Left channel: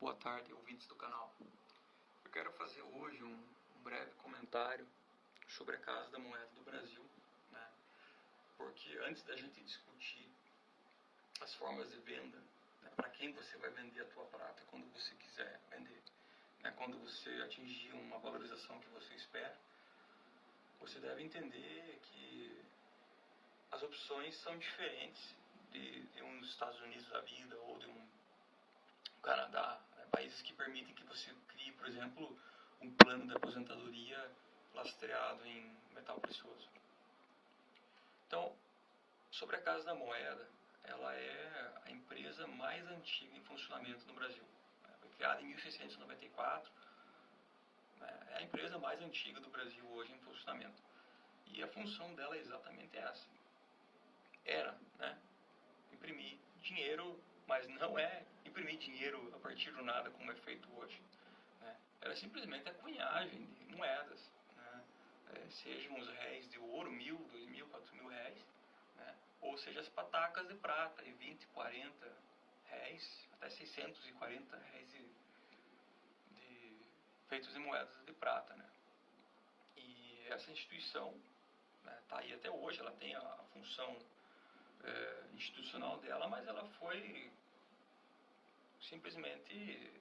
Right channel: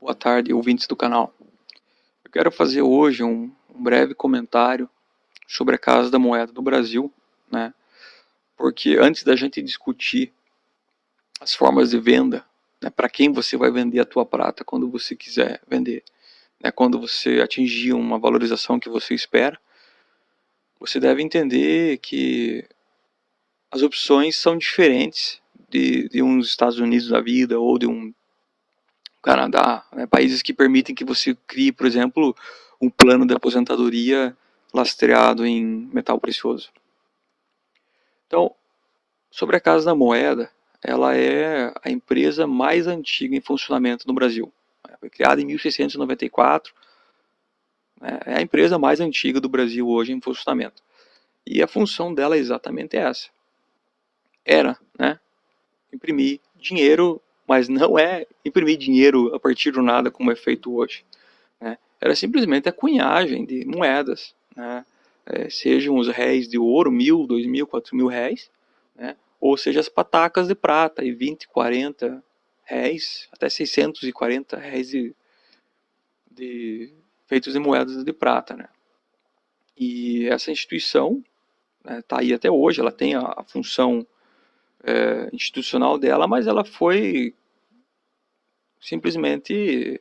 Boa tarde, ouvintes do canal. Eu quero fazer hoje um breve comentário sobre a Casa da Moeda do Brasil, né? Porque antes da gente discutir as formas de venda, né, para quem você vai vender a tua prata quando você quiser vender, né, quando você atingir uma valorização que você espera, você deve entender que as opções são diferentes de uns Estados Unidos da vida ou de um Canadá, né, países que permitem que você crie, por exemplo, um plano de aposentadoria lastreado em metal precioso. Então, sobre a Casa da Moeda, ela é a empresa mais antiga em funcionamento no Brasil. Foi criada em 1694, é a empresa mais antiga do Brasil hoje em funcionamento. E a função dela é exatamente essa. Era, né, imprimir dinheiro, mas não é imprimir dinheiro a partir do nada como é feito hoje. Né? Era simplesmente a cunhagem de moedas, né? Sejam os réis de ouro, 1.000, 2.000, 4.000 réis, né? Ou seja, as patacas de prata, e 20, 40 réis, até 640 réis feitos de moedas de prata. Né? E essa instituição está, né, aí até hoje, ela tem a função institucional dela, mas ela foi simplesmente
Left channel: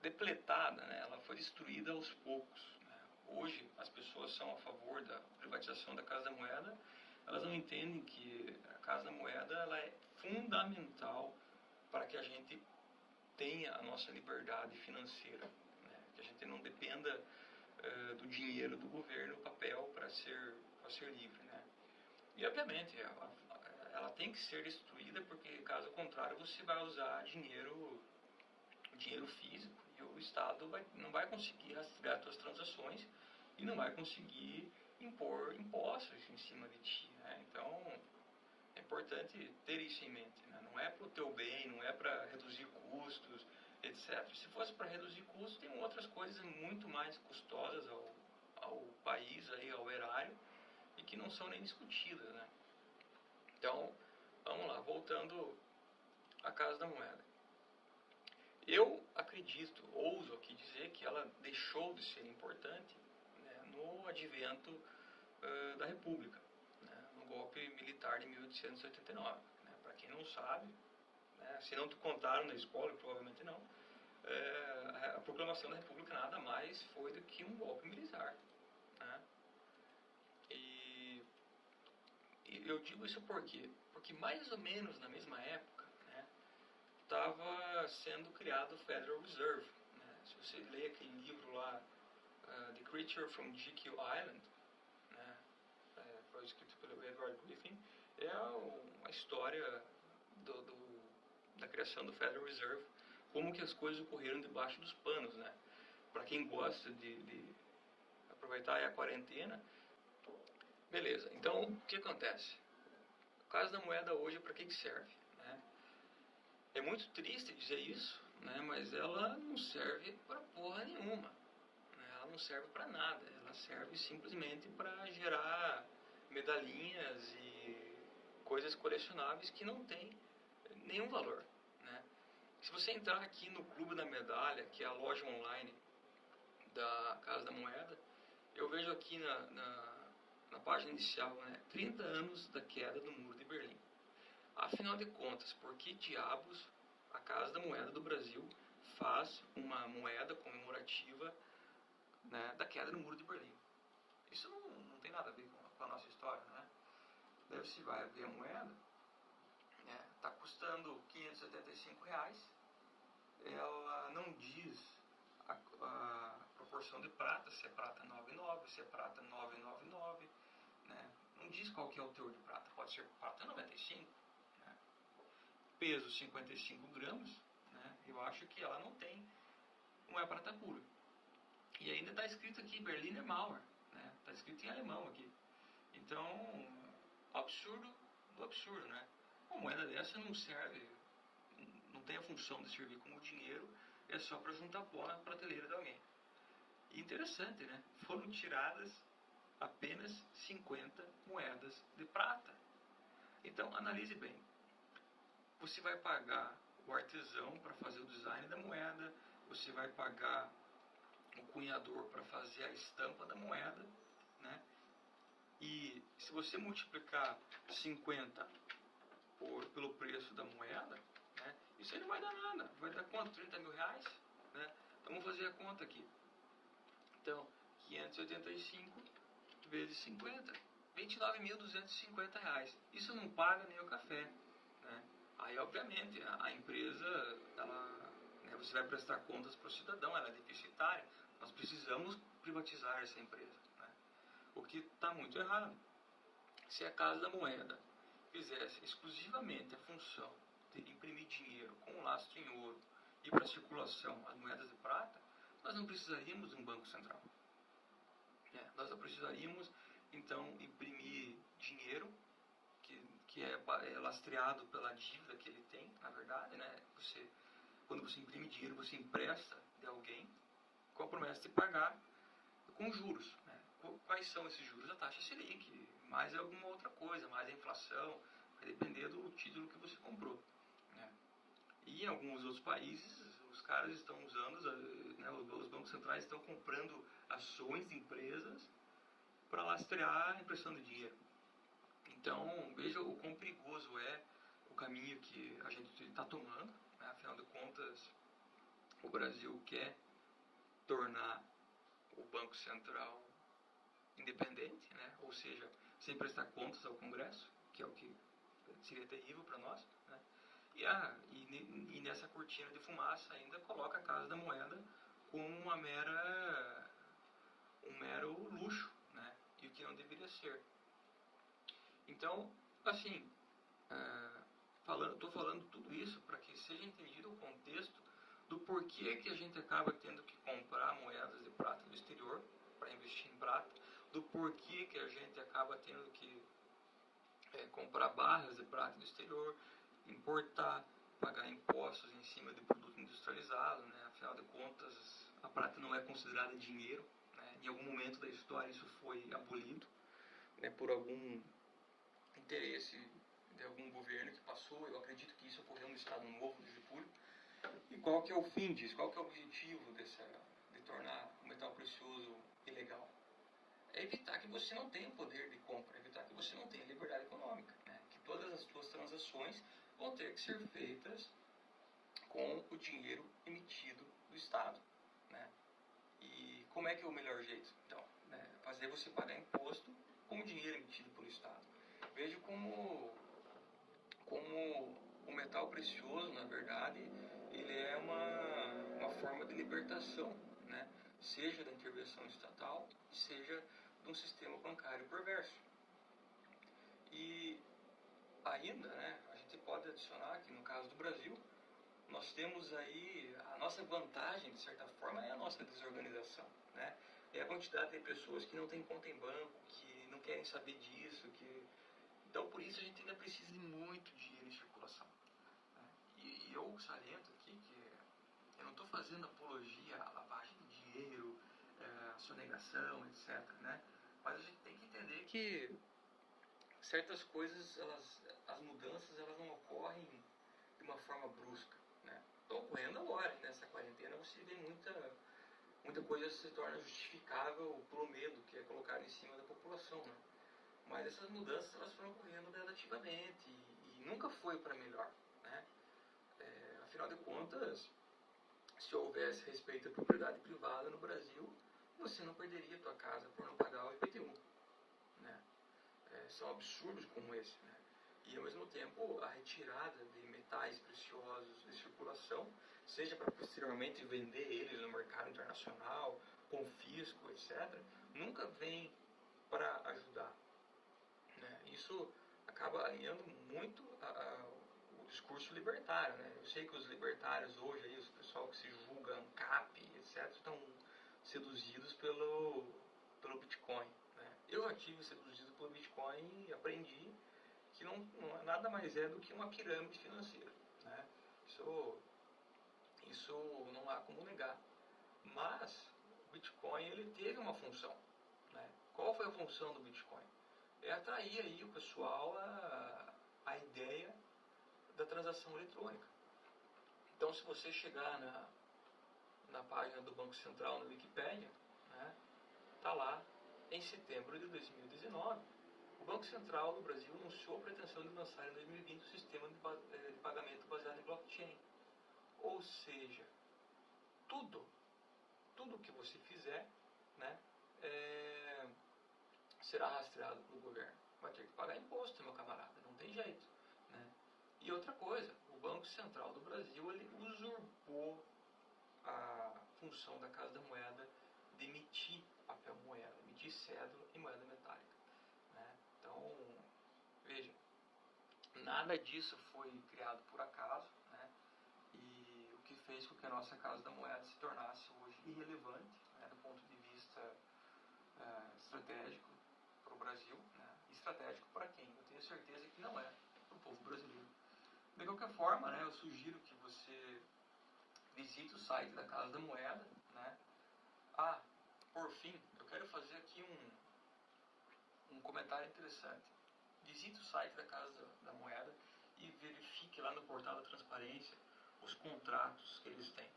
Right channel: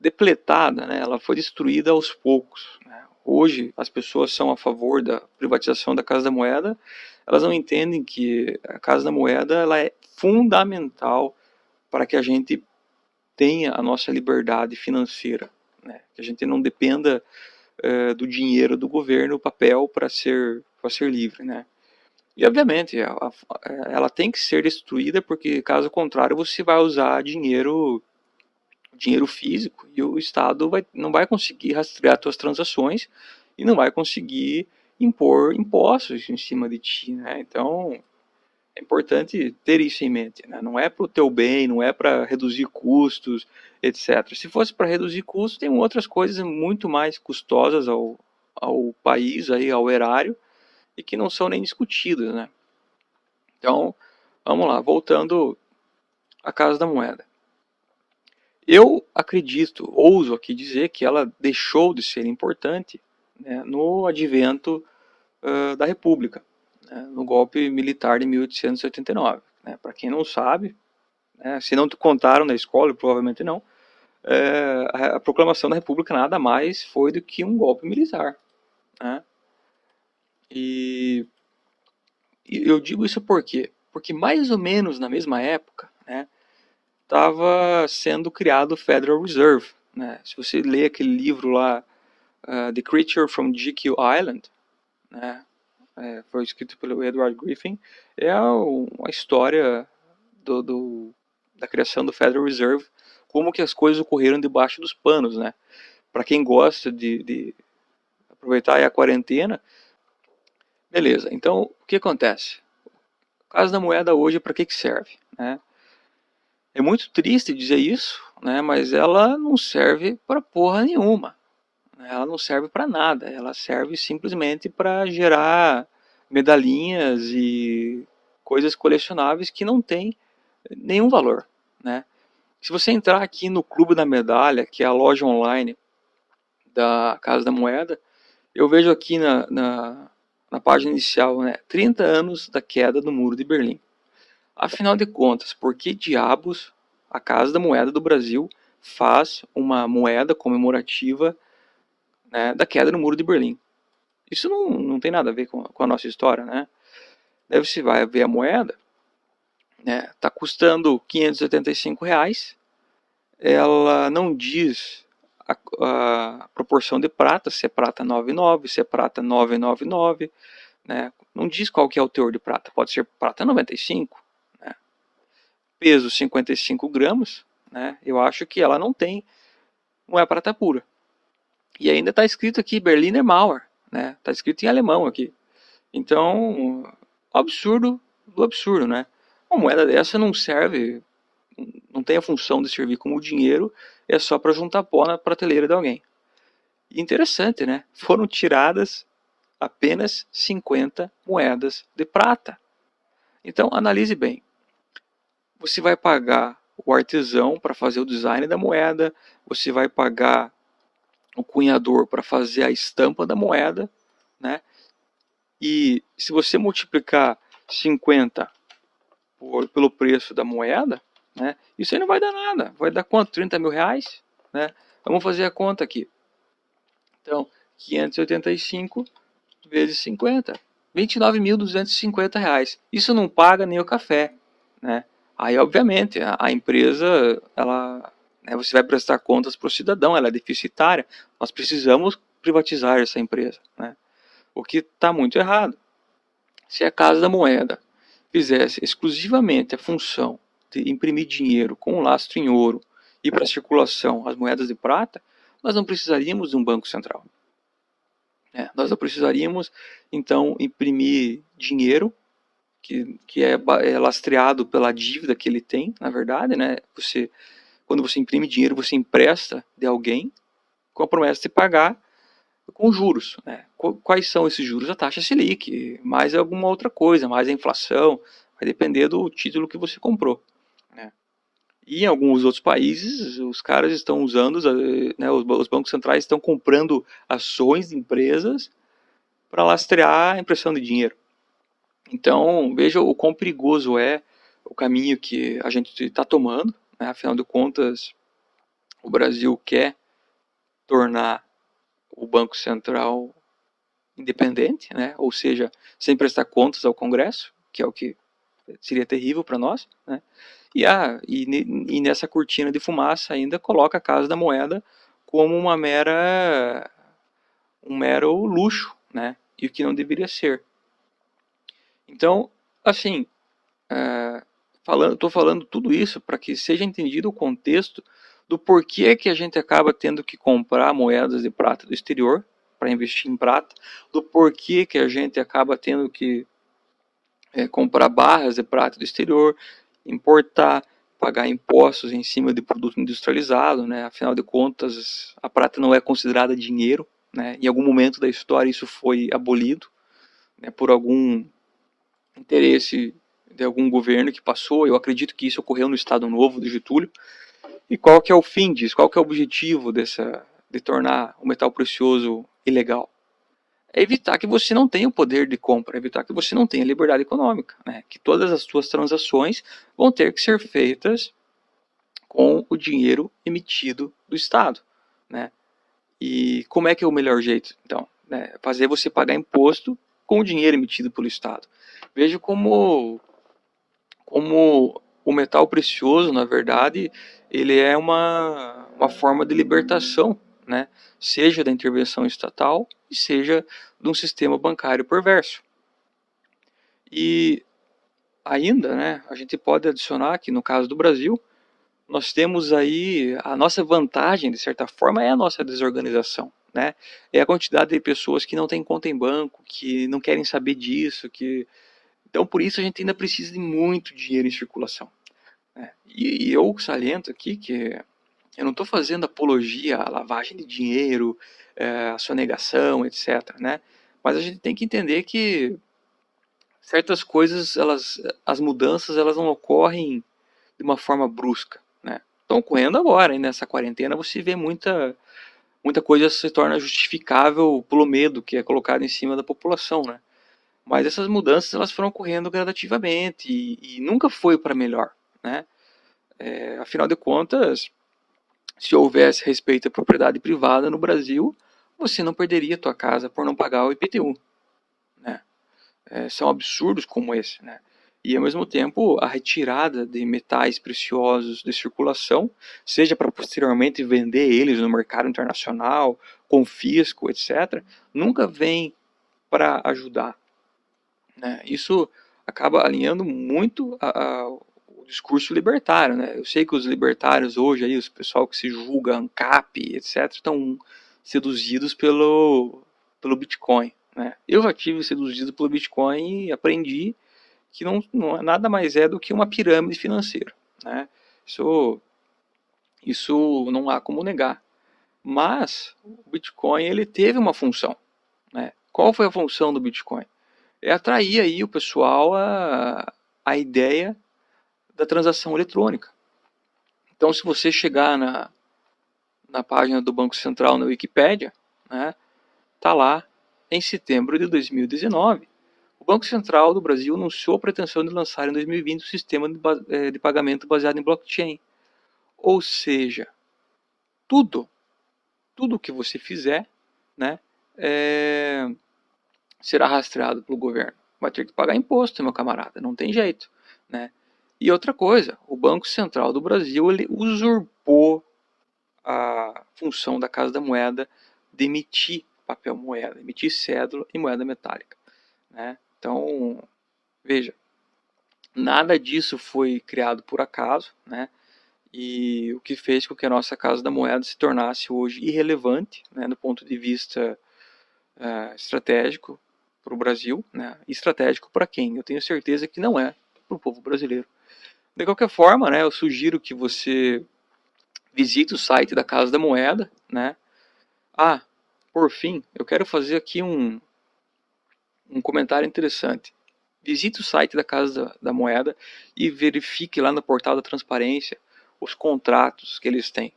depletada, né? Ela foi destruída aos poucos. Né? Hoje as pessoas são a favor da privatização da Casa da Moeda, elas não entendem que a Casa da Moeda ela é fundamental para que a gente tenha a nossa liberdade financeira, né? Que a gente não dependa do dinheiro do governo, papel, para ser livre. Né? E obviamente ela tem que ser destruída, porque caso contrário você vai usar dinheiro físico e o Estado não vai conseguir rastrear suas transações e não vai conseguir impor impostos em cima de ti, né? Então é importante ter isso em mente, né? Não é para o teu bem, não é para reduzir custos, etc. Se fosse para reduzir custos, tem outras coisas muito mais custosas ao país, aí, ao erário, e que não são nem discutidas, né? Então, vamos lá, voltando à Casa da Moeda. Eu acredito, ouso aqui dizer que ela deixou de ser importante, né, no advento da República, né, no golpe militar de 1889. Né. Para quem não sabe, né, se não te contaram na escola, provavelmente não, a proclamação da República nada mais foi do que um golpe militar. Né. E, e eu digo isso por quê? Porque mais ou menos na mesma época, né, estava sendo criado o Federal Reserve. Né? Se você lê aquele livro lá, The Creature from GQ Island, né? Foi escrito pelo Edward Griffin, é uma história da criação do Federal Reserve, como que as coisas ocorreram debaixo dos panos. Né? Para quem gosta de aproveitar a quarentena, beleza. Então, o que acontece? A Casa da Moeda hoje, para que serve? Né? É muito triste dizer isso, né? Mas ela não serve para porra nenhuma. Ela não serve para nada. Ela serve simplesmente para gerar medalhinhas e coisas colecionáveis que não têm nenhum valor, né? Se você entrar aqui no Clube da Medalha, que é a loja online da Casa da Moeda, eu vejo aqui na página inicial, né, 30 anos da queda do Muro de Berlim. Afinal de contas, por que diabos a Casa da Moeda do Brasil faz uma moeda comemorativa, né, da queda do Muro de Berlim? Isso não tem nada a ver com a nossa história, né? Daí você vai ver a moeda, né? Tá custando R$ 575. Ela não diz a proporção de prata, se é prata 99, se é prata 999, né? Não diz qual que é o teor de prata. Pode ser prata 95, né? Peso 55 gramas, né? Eu acho que ela não é prata pura. E ainda está escrito aqui Berliner Mauer, né? Está escrito em alemão aqui. Então, absurdo do absurdo, né? Uma moeda dessa não serve, não tem a função de servir como dinheiro, é só para juntar pó na prateleira de alguém. E interessante, né? Foram tiradas apenas 50 moedas de prata. Então, analise bem. Você vai pagar o artesão para fazer o design da moeda, você vai pagar o cunhador para fazer a estampa da moeda, né? E se você multiplicar 50 pelo preço da moeda, né? Isso aí não vai dar nada. Vai dar quanto? 30 mil reais? Né? Vamos fazer a conta aqui. Então, 585 vezes 50. 29.250 reais. Isso não paga nem o café, né? Aí, obviamente, a empresa, ela, né, você vai prestar contas para o cidadão, ela é deficitária. Nós precisamos privatizar essa empresa, né? O que está muito errado. Se a Casa da Moeda fizesse exclusivamente a função de imprimir dinheiro com um lastro em ouro e para circulação as moedas de prata, nós não precisaríamos de um banco central. Nós não precisaríamos, então, imprimir dinheiro que é lastreado pela dívida que ele tem, na verdade, né? Quando você imprime dinheiro, você empresta de alguém com a promessa de pagar com juros, né? Quais são esses juros? A taxa Selic, mais alguma outra coisa, mais a inflação, vai depender do título que você comprou, né? E em alguns outros países, os caras estão usando, né, os bancos centrais estão comprando ações de empresas para lastrear a impressão de dinheiro. Então, veja o quão perigoso é o caminho que a gente está tomando, né? Afinal de contas, o Brasil quer tornar o Banco Central independente, né? Ou seja, sem prestar contas ao Congresso, que é o que seria terrível para nós, né? E nessa cortina de fumaça ainda coloca a Casa da Moeda como um mero luxo, né? E o que não deveria ser. Então, assim, estou falando tudo isso para que seja entendido o contexto do porquê que a gente acaba tendo que comprar moedas de prata do exterior para investir em prata, do porquê que a gente acaba tendo que comprar barras de prata do exterior, importar, pagar impostos em cima de produto industrializado, né? Afinal de contas, a prata não é considerada dinheiro, né? Em algum momento da história isso foi abolido, né, por algum interesse de algum governo que passou. Eu acredito que isso ocorreu no Estado Novo do Getúlio. E qual que é o fim disso? Qual que é o objetivo de tornar o metal precioso ilegal? É evitar que você não tenha o poder de compra, evitar que você não tenha liberdade econômica, né? Que todas as suas transações vão ter que ser feitas com o dinheiro emitido do Estado, né? E como é que é o melhor jeito, então? Né? Fazer você pagar imposto com o dinheiro emitido pelo Estado. Veja como o metal precioso, na verdade, ele é uma forma de libertação, né? Seja da intervenção estatal e seja de um sistema bancário perverso. E ainda, né, a gente pode adicionar que no caso do Brasil, nós temos aí a nossa vantagem, de certa forma, é a nossa desorganização, né? É a quantidade de pessoas que não têm conta em banco, que não querem saber disso, que então por isso a gente ainda precisa de muito dinheiro em circulação, né? E eu saliento aqui que eu não estou fazendo apologia à lavagem de dinheiro, à sonegação, etc., né? Mas a gente tem que entender que certas coisas, as mudanças, elas não ocorrem de uma forma brusca, né? Estão ocorrendo agora, e nessa quarentena você vê muita coisa se torna justificável pelo medo que é colocado em cima da população, né? Mas essas mudanças elas foram ocorrendo gradativamente e nunca foi para melhor, né? Afinal de contas, se houvesse respeito à propriedade privada no Brasil, você não perderia a tua casa por não pagar o IPTU, né? São absurdos como esse, né? E ao mesmo tempo a retirada de metais preciosos de circulação, seja para posteriormente vender eles no mercado internacional, confisco, etc., nunca vem para ajudar, né? Isso acaba alinhando muito o discurso libertário, né? Eu sei que os libertários hoje, aí, os pessoal que se julga ANCAP, etc., estão seduzidos pelo Bitcoin, né? Eu já tive seduzido pelo Bitcoin e aprendi que não é nada mais do que uma pirâmide financeira, né? Isso, isso não há como negar. Mas o Bitcoin ele teve uma função, né? Qual foi a função do Bitcoin? É atrair aí o pessoal a ideia da transação eletrônica, Então, se você chegar na página do Banco Central na Wikipédia, né, tá lá em setembro de 2019. O Banco Central do Brasil anunciou a pretensão de lançar em 2020 um sistema de pagamento baseado em blockchain. Ou seja, tudo que você fizer, né, será rastreado pelo governo. Vai ter que pagar imposto, meu camarada, não tem jeito, né? E outra coisa, o Banco Central do Brasil ele usurpou a função da Casa da Moeda de emitir papel moeda, emitir cédula e moeda metálica, né? Então, veja, nada disso foi criado por acaso, né? E o que fez com que a nossa Casa da Moeda se tornasse hoje irrelevante, né, do ponto de vista estratégico para o Brasil, né? Estratégico para quem? Eu tenho certeza que não é para o povo brasileiro. De qualquer forma, né, eu sugiro que você visite o site da Casa da Moeda, né? Ah, por fim, eu quero fazer aqui um comentário interessante. Visite o site da Casa da Moeda e verifique lá no portal da transparência os contratos que eles têm.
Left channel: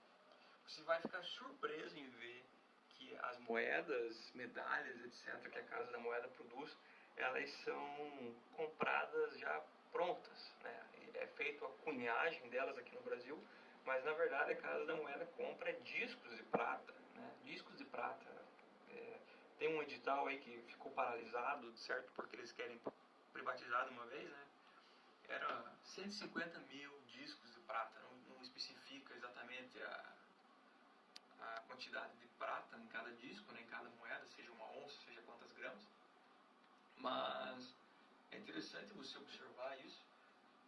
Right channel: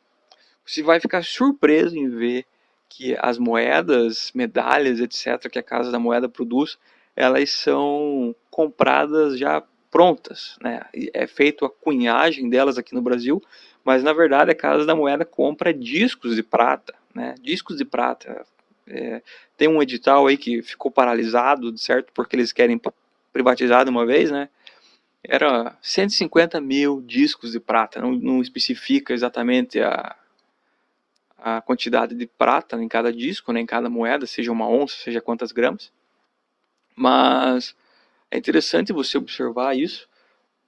Você vai ficar surpreso em ver que as moedas, medalhas, etc., que a Casa da Moeda produz, elas são compradas já prontas, né? É feito a cunhagem delas aqui no Brasil, mas na verdade a Casa da Moeda compra discos de prata, né? Discos de prata. Tem um edital aí que ficou paralisado, certo? Porque eles querem privatizar de uma vez, né? Era 150 mil discos de prata, não especifica exatamente a quantidade de prata em cada disco, né, em cada moeda, seja uma onça, seja quantas gramas. Mas é interessante você observar isso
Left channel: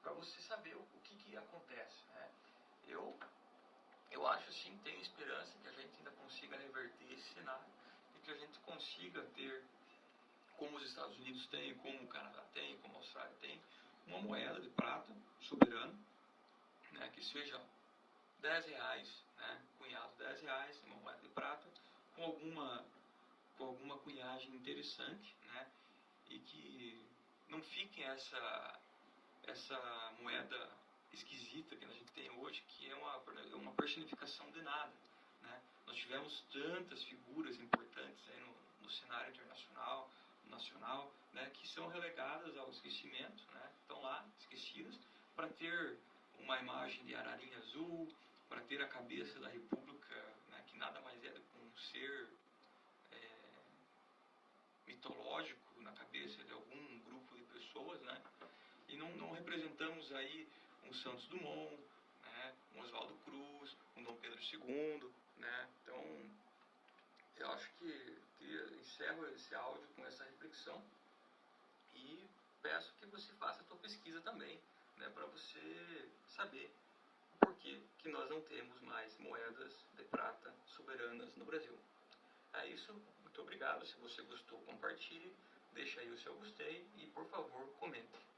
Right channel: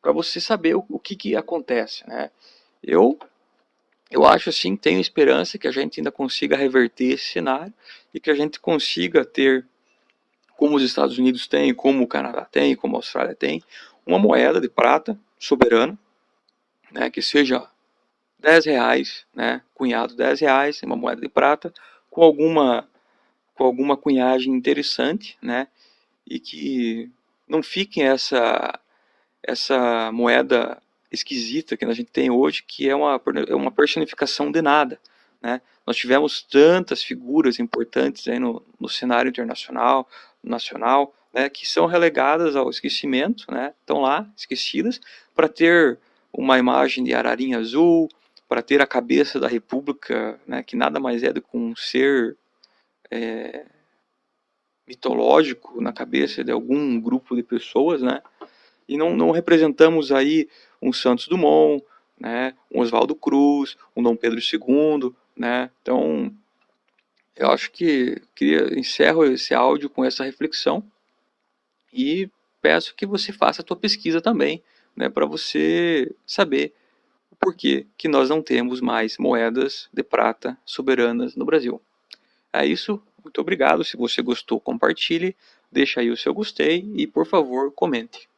para você saber o que acontece, né? Eu, eu acho assim, tenho esperança que a gente ainda consiga reverter esse cenário e que a gente consiga ter, como os Estados Unidos têm, como o Canadá tem, como a Austrália tem, uma moeda de prata soberana, né, que seja R$ 10, né, cunhado R$ 10, uma moeda de prata, com alguma cunhagem interessante, né, e que não fique essa moeda esquisita que a gente tem hoje, que é uma personificação de nada, né. Nós tivemos tantas figuras importantes aí no cenário internacional, nacional, né, que são relegadas ao esquecimento, né, estão lá esquecidas, para ter uma imagem de ararinha azul, para ter a cabeça da República, né, que nada mais é do que um ser mitológico na cabeça de algum grupo de pessoas, né? E não representamos aí um Santos Dumont, né? Um Oswaldo Cruz, um Dom Pedro II, né? Então, eu acho que encerro esse áudio com essa reflexão e peço que você faça a tua pesquisa também, né? Para você saber o porquê que nós não temos mais moedas de prata soberanas no Brasil. É isso, muito obrigado. Se você gostou, compartilhe, deixa aí o seu gostei e, por favor, comente.